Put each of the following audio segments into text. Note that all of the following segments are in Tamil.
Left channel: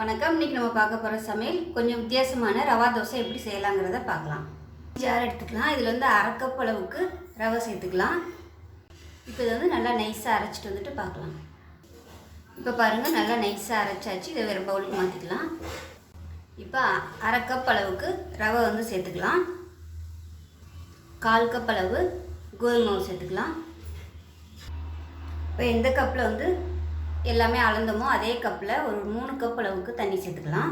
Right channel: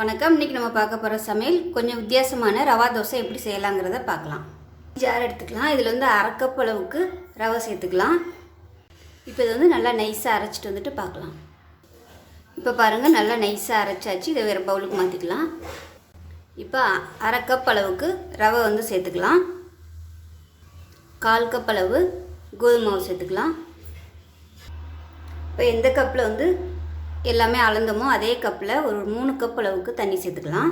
வணக்கம். இன்றைக்கி நம்ம பார்க்க போகிற சமையல் கொஞ்சம் வித்தியாசமான ரவா தோசை எப்படி செய்யலாங்கிறத பார்க்கலாம். ஜார் எடுத்துக்கலாம். இதில் வந்து 1/2 கப் அளவுக்கு ரவை சேர்த்துக்கலாம். இப்போ இதை வந்து நல்லா நைஸாக அரைச்சிட்டு வந்துட்டு பார்க்கலாம். இப்போ பாருங்கள், நல்லா நைஸாக அரைச்சாச்சு. இதை வேறு பவுலுக்கு மாற்றிக்கலாம். இப்போ 1/2 கப் அளவுக்கு ரவை வந்து சேர்த்துக்கலாம். 1/4 கப் அளவு கோதுமை மாவு சேர்த்துக்கலாம். இப்போ எந்த கப்பில் வந்து எல்லாமே அளந்தோமோ அதே கப்பில் ஒரு 3 கப் அளவுக்கு தண்ணி சேர்த்துக்கலாம்.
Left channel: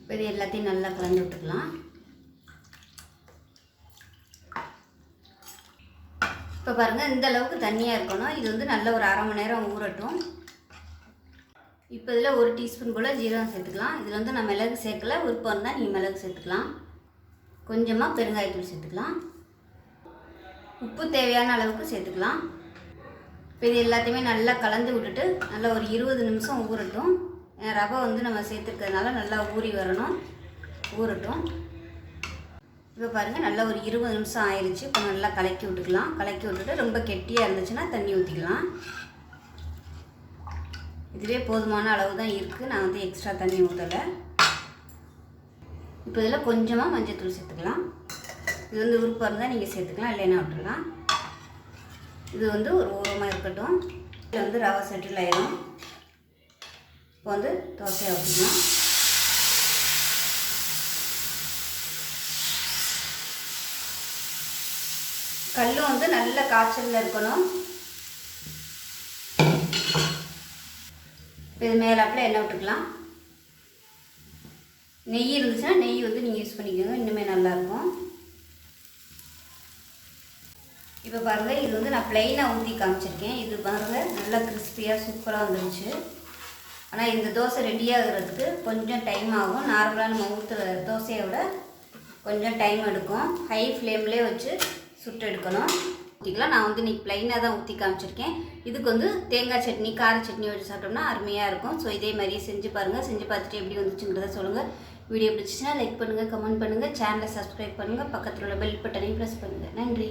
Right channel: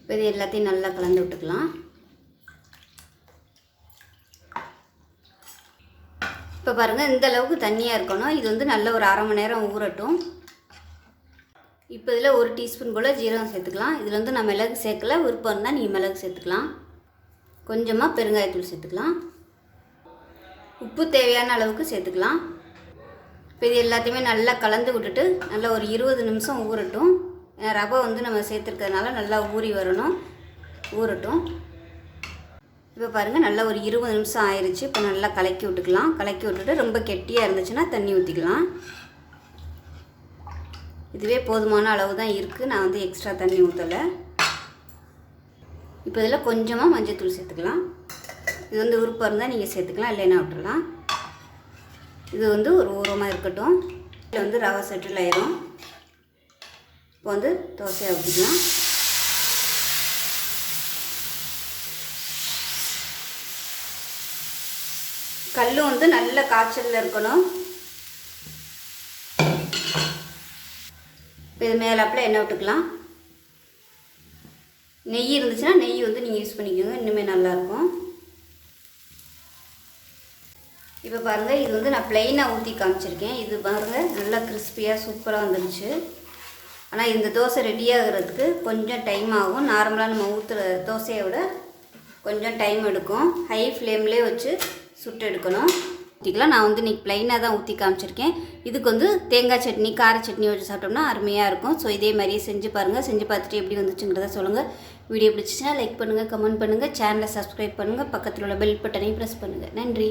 இப்போ இது எல்லாத்தையும் நல்லா கலந்து விட்டுக்கலாம். இப்போ பாருங்கள், இந்த அளவுக்கு தண்ணியாக இருக்கணும். இது வந்து நல்ல ஒரு 1/2 மணி நேரம் ஊறட்டும். இப்போ இதில் 1 டீஸ்பூன் போல் ஜீரகம் சேர்த்துக்கலாம். இதில் வந்து நான் மிளகு சேர்க்கல, விருப்பம் இருந்தால் நீங்கள் மிளகு சேர்த்துக்கலாம். கொஞ்சமாக பெருங்காயத்தூள் சேர்த்துக்கலாம். உப்பு தேவையான அளவுக்கு சேர்த்துக்கலாம். இப்போ இது எல்லாத்தையுமே நல்லா கலந்து விட்டுட்டு நல்லா ஒரு 20 நிமிஷம் ஊறட்டும். ரவை வந்து நம்ம சேர்த்துருக்கிறதுனால நல்லா ஊறி வரணும், ஊறட்டும். இப்போ பாருங்கள், நல்லா ஒரு 20 நிமிஷம் ஆயிடுச்சு. இப்போ நல்லா கலக்கி விட்டுக்கலாம். கலக்கி விட்டுட்டு ரொம்ப கெட்டியாக இருந்துச்சுன்னா தண்ணி ஊற்றிக்கலாம். இதுவே போதுமான அளவு தான் இருக்குது. நான் வந்து எக்ஸ்ட்ரா தண்ணி ஊற்றலை. இப்போ இதில் கொஞ்சமாக மஞ்சள் சேர்த்துக்கலாம். இது வந்து விருப்பம் இருந்தால் நீங்கள் சேர்த்துக்கலாம், இல்லைன்னா விட்டுடலாம். இது வந்து ஒரு ஓரமாக இருக்கட்டும். இதில் வந்து ரவை செட்டில் ஆயிரும். இப்போ வந்து தோசையை ஊற்றிக்கலாம். கல்லும் வந்து நல்ல காய்ச்சலில் இருக்கணும். இப்போ இது மேலாப்பில் எண்ணெய் விட்டுக்கலாம். நெய் இருந்துச்சுன்னா நெய் வந்து நீங்கள் யூஸ் பண்ணிக்கோங்க, இன்னுமே நல்லாயிருக்கும். இப்போ பாருங்கள், இது வந்து நான் ப்ளைனாக ஊற்றி காமிச்சிருக்கேன். இது பாருங்கள், நல்லா கிறிஸ்பியாக சூப்பராக வந்துருச்சு. ஆனால் இந்த தோசை ரெடியாகிறதுக்கு கொஞ்சம் டைம் ஆகும். நார்மலாக நம்ம ஊற்றுற தோசையை விட கொஞ்சம் டைம் எடுக்கும். ஹை ஃப்ளேம்லேயே வச்சு சுட்டு எடுக்கணும். ஊற்றிக்கலாம். நான் வந்து இன்றைக்கி ப்ளைனாக தான் ஊற்றி காமிச்சிருக்கேன். இதுக்கு வந்து தேங்காய் சட்னி, கார சட்னி வச்சு சாப்பிட்டோம்னா அருமையாக இருக்கும். ஸோ இதே மாதிரியே செஞ்சு பாருங்கள். செஞ்சு பார்த்துட்டு எப்படி வந்துச்சுங்கிறத சொல்லுங்கள். வீடியோ பிடிச்சிச்சின்னா லைக் பண்ணுங்கள், கமெண்ட் பண்ணுங்கள், சேனலை சப்ஸ்கிரைப் பண்ணுங்கள், பக்கத்தில் உள்ள பெல் பட்டனையும் ப்ரெஸ் பண்ணுங்கள். நன்றி.